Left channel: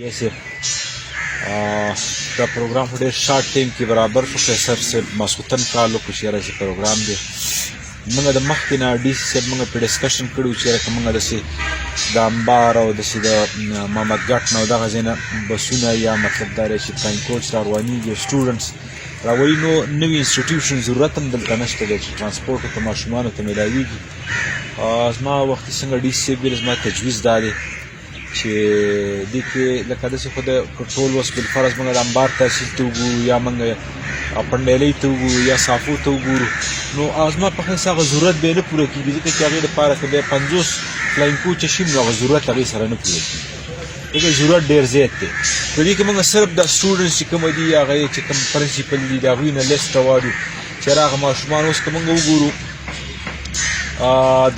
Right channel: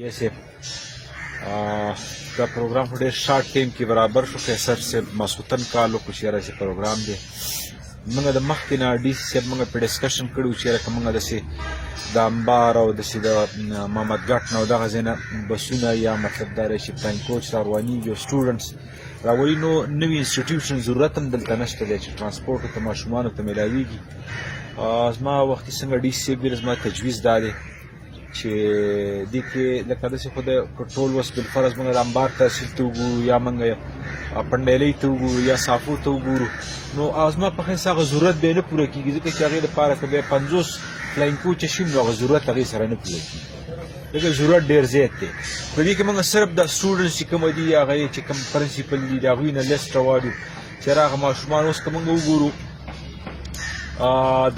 Yes, sir. دا پروګرام په ډېر شارټ ټایم کې برابر شو. قیصر صاحب ماسخوتن کال وکړو چې یاره زه پروګرام دی موږ د مخکې نه ډي سي صاحب موږ پرې ډسکشن کړی چې که موږ داسې د امبار او داسې د محمد ګټ نه او دغه ځای نه بسونه یا مطلب دا دی چې پلان کوچ راروانېږي سټوډنټس راولي نو نوي انسټیټیوشن ضرورت هم دلته نشته دی چې ټرانسپورټ ورته ماشومانو ته میلاویږي. زما وختي څنګه ډي سي صاحب ویل زما تجویز دا دی چې دې کې لکه داسې خو د ټول اوس بالفرض موږ د امبار تحصیل ته وګورو یا موږ پنډیلۍ ته وګورو یا صافو ته وګورو نو هغه زما په حیث هغه ضرورت بیا نه پوره کېږي ځکه چې هغې لپاره که بیا 50 فلاین کوچه شي نو هغه ضرورت هغې سره نه پوره کېږي. دغه ضرورت ډېر زیات دی. په دې کې موږ صرف د سټوډنټس چې کومه دي هغه یې چې کوم پرنسپل دي د هغوی نه لیست راوړو چې هغه ماشومان اوس که موږ وګورو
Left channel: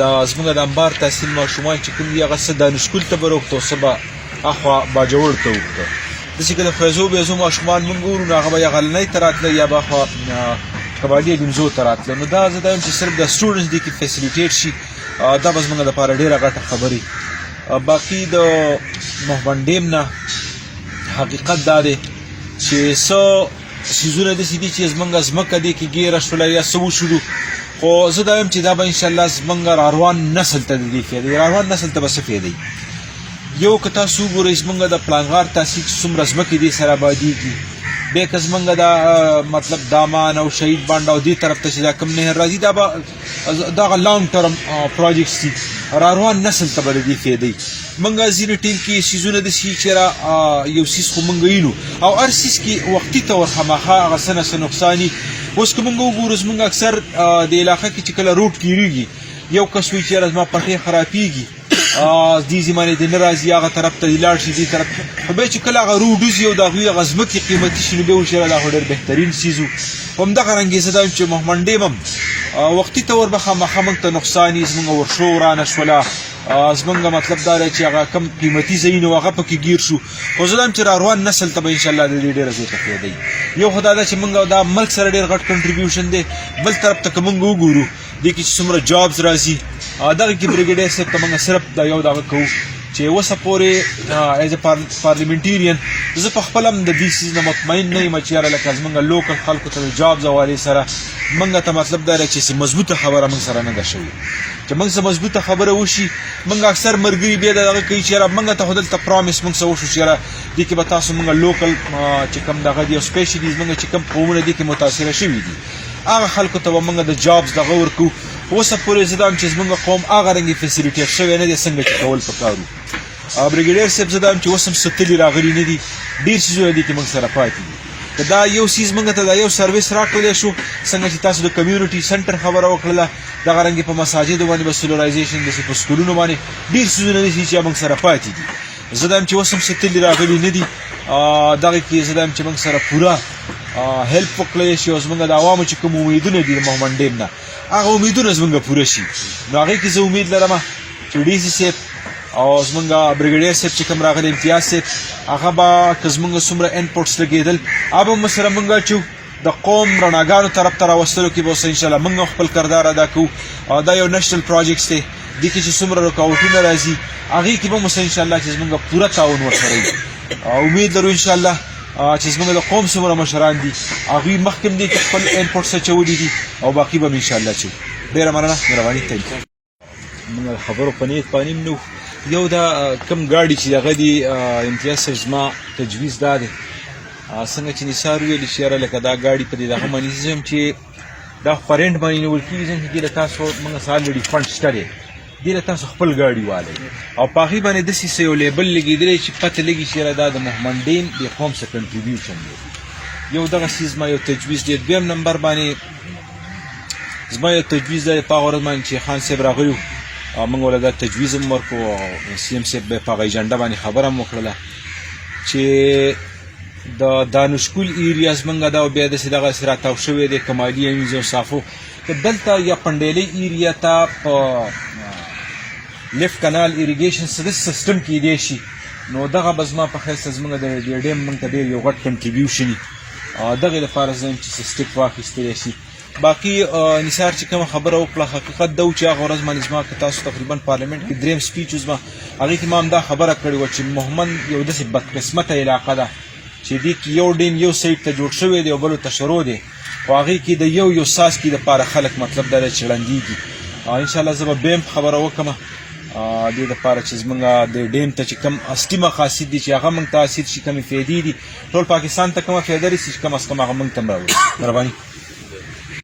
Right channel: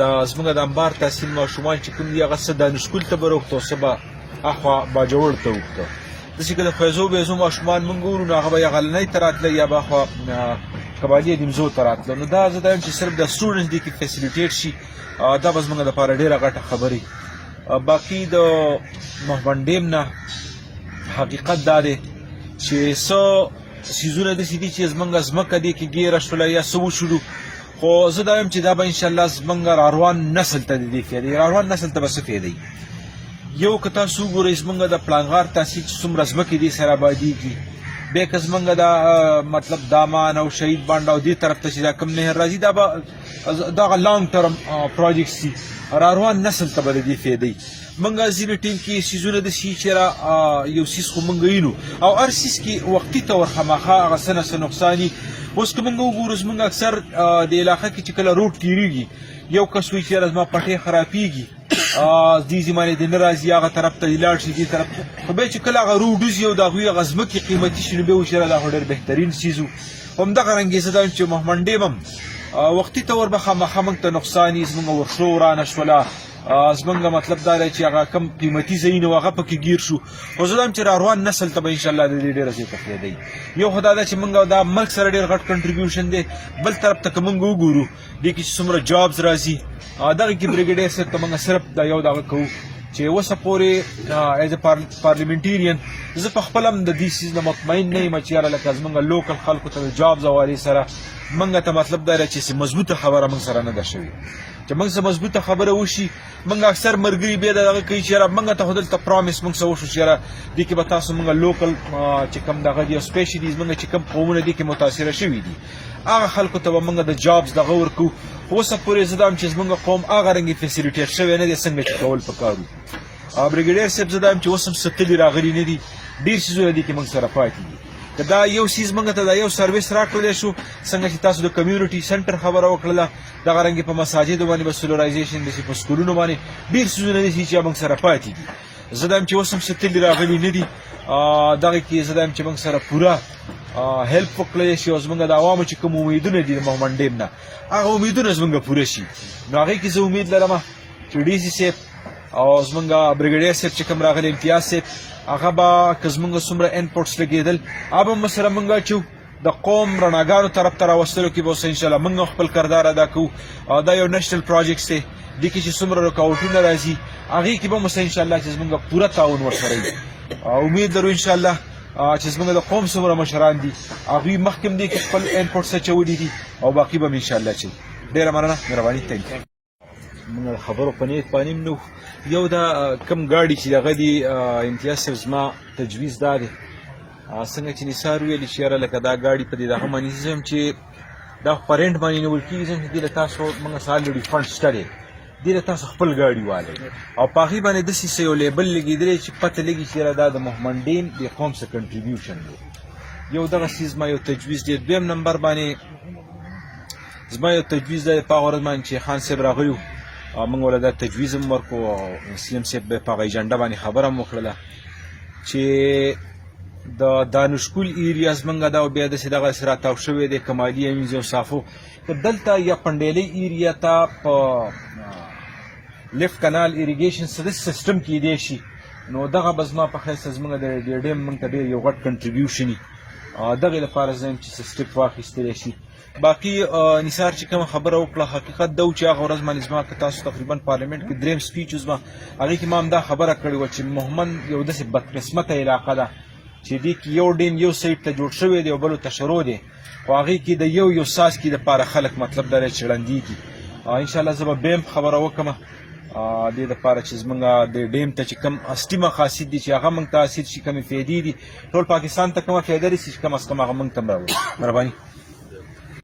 دا زموږ د امبار تحصیل ماشومان چې کوم دي هغه څه دانشګل ته به روغتو څه به اخوا باجوړ ته وکړو داسې که د فیضو بیضو ماشومان موږ ګورو نو هغه به یا غلنۍ ته راتله یا به اخوا کباډي ډیمزو ته راتله نو دا زه دا یم چې صرف د سټوډنټس دې کې فیسیلیټیټ شي دا به زموږ لپاره ډېره غټه خبرې. باقي د محمد ډیم نه حقیقت دا دی چې څه څیزونه داسې دي چې زموږ ځمکه دې کې ګیره شوله یا څه وشولو خو زه دا یم چې دا به انشاءالله زموږ راروان نسل ته د دې فایده راروان نسل ته به څه فایده یو که تاسو وګورئ زموږ د پلانغار تحصیل چې څومره ځمکې دې سره آبادېږي بیا که زموږ د مطلب دامان او شهید بانډ او دې طرف ته چې دا کوم نهر راځي دا به دغه لانګ ټرم پروجیکټس دي راروان نسل ته به د دې فایده موږ ځینې ټیم کې څیزونه داسې چې یو څیز خو موږ وینو او هر څیز کې وختي طور خامخا هغه څه نه څه نقصان وي. اوس که موږ وګورو زموږ اکثر د علاقه کې چې کله روډ تېرېږي یو کس وایي چې یاره زما پټۍ خرابېږي دې زمانې ته نه راځي هغه طرف ته لاړ شي دې طرف خو بیا چې کله هغه روډ وځي او د هغوی هغه ځمکې قیمتي شي نو بیا وایي چې دا خو ډېر بهترین څیز و. همدغه رنګې زه دا یم چې محمد ډیم هم وختي طور به خامخا موږ ته نقصان وي زموږ ورشو ورانه شوله زموږ مطلب دا دی چې هغه کم قیمتي ځایونه و هغه پکې ګیر شو خو زه دا یم چې راروان نسل ته به انشاءالله د دې ډېره زیاته فایده وي. یو خو دا ده چې موږ دا ملک سره ډېر غټ کنټریبیوشن دی بل طرف ته که موږ وګورو دې کې چې څومره جابز راځي دغه کې بریګیډیر صاحب ته موږ صرف دا یو دغه کوو چې اوسه پورې ایز ا پارلیمنټیرین زه په خپله هم د دې څیز نه مطمئن نه یم چې یاره لکه زموږ لوکل خلکو ته د جابز حوالې سره موږ ته مطلب دا دی چې مضبوطه خبره موږ سره نه ده شوې چې موږ څه مضبوطه خبره وشي موږ اکثر ملګري بیا دغه کوي چې یاره موږ ته خو دلته پرامیس موږ څه وشو چې یاره دې کې به تاسو موږ لوکل چې کوم دغه دي او سپیشلي زموږ چې کوم قومونه دې کې متاثره شوي دي هغه خلکو ته به موږ د جابز دغه ورکوو. اوسه پورې زه دا یم چې زموږ قوم هغه رنګې فیسیلیټیټ شوی نه دی څنګه چې کول پکار وو. بریګیډیر صاحب زه دا یم چې اوس هم ستلي راغلي نه دي ډېر څیزونه دي چې موږ سره پاتې دي که دا یو څیز موږ ته دا یو سروس راکړلی شو څنګه چې تاسو د کمیونټي سنټر خبره وکړله دغه رنګې په مساجدو باندې به سولرایزیشن داسې په سکولونو باندې ډېر څیزونه دي چې موږ سره پاتې دي. زه دا یم چې اوس هم ستلي راغلي نه دي دغه کې زه دا یم چې موږ سره پوره هیلپ وکړلی شي او زموږ د عوامو چې کوم امیدونه دي د محمد ډیم نه هغه امیدونه زموږ پوره شي نو هغې کې زه امید لرم چې ډي سي صاحب او زموږ بریګیډیر صاحب چې کوم راغلی امتیاز صاحب هغه به که زموږ څومره انپوټس لګېدل هغه به سره موږ اچو د قوم رڼاګانو طرف ته راوستلو کې به اوس انشاءالله موږ خپل کردار ادا کوو او دا یو نیشنل پروجیکټس دی دې کې چې څومره رکاوټونه راځي هغې کې به اوس انشاءالله چې زموږ پوره تعاون ورسره وي. امید لرو انشاءالله چې زموږ د قوم څومره مشران دي هغوی مخکې هم دې کې خپل انپوټس اچولي دي او باقي به هم انشاءالله اچوي. ډېره مننه مهرباني تhank you. موږ خبرو په نیت باندې هم نه یو دا کوم ګاډي چې هغه دي امتیاز صاحب زما تجویز دا دی څنګه چې نثار ویلي چې یاره لکه دا ګاډي په دې دغه باندې ځم چې دا خو په رینټ باندې نیول کېږي ځم چې دې له تاسو موږ سره الرېډي فنډ شته دی دې له تاسو خپل ګاډي والئ او په هغې باندې داسې څه یو لیبل لګېدلی چې پته لګي چې یاره دا د محمد ډیم د قوم څه کنټریبیوشن دی. یو دغه څیز زما یو تجویز دی. دویم نمبر باندې زما یو تجویز دی په هغه ورځ باندې چې خان صاحب راغلي موږ ورته دا تجویز هم ورکړو او سی ایم صاحب به په هغه ایجنډه باندې خبره هم وکړله چې د دانشګل ایریاز موږ دا بیا داسې دغسې راتاو شوی دی کمالي امیز او صافو دلته یا پنډیلۍ ایریا ته په لیفټ کنال ایریګیشن سیسټم کېدی شي نو دغه به زما په خیال زموږ د ډیم موږ ته ډېر یو غټ کنټریبیوشن وي دغې لپاره زه یم چې سټیپ واخیستلی شي باقي نثار چې کوم خبره وکړه حقیقت دا و چې هغه ورځ باندې زما که تاسو تقریبا پارلیمنټ کې دریم سپیچ وزما هغې کې ما هم دا خبره کړې وه چې مهمند یو داسې بدقسمته علاقه ده چې دې کې یو ډین یو سایډ ته جوړ شوی دی او بلو ته شروع دی خو هغې کې د یو څاڅکي دپاره خلک مطلب دا دی چې ړندېږي انشاءالله زه به بیا هم خبره وکړم دې دپاره چې زمونږ د ډیم ته چې کوم اصلي مقاصد دي چې هغه موږ ته حاصل شي کومې فایدې دي ټول پاکستان ته کومه فایده رسي چې کم از کم هغه موږ ته هم راوړي مهرباني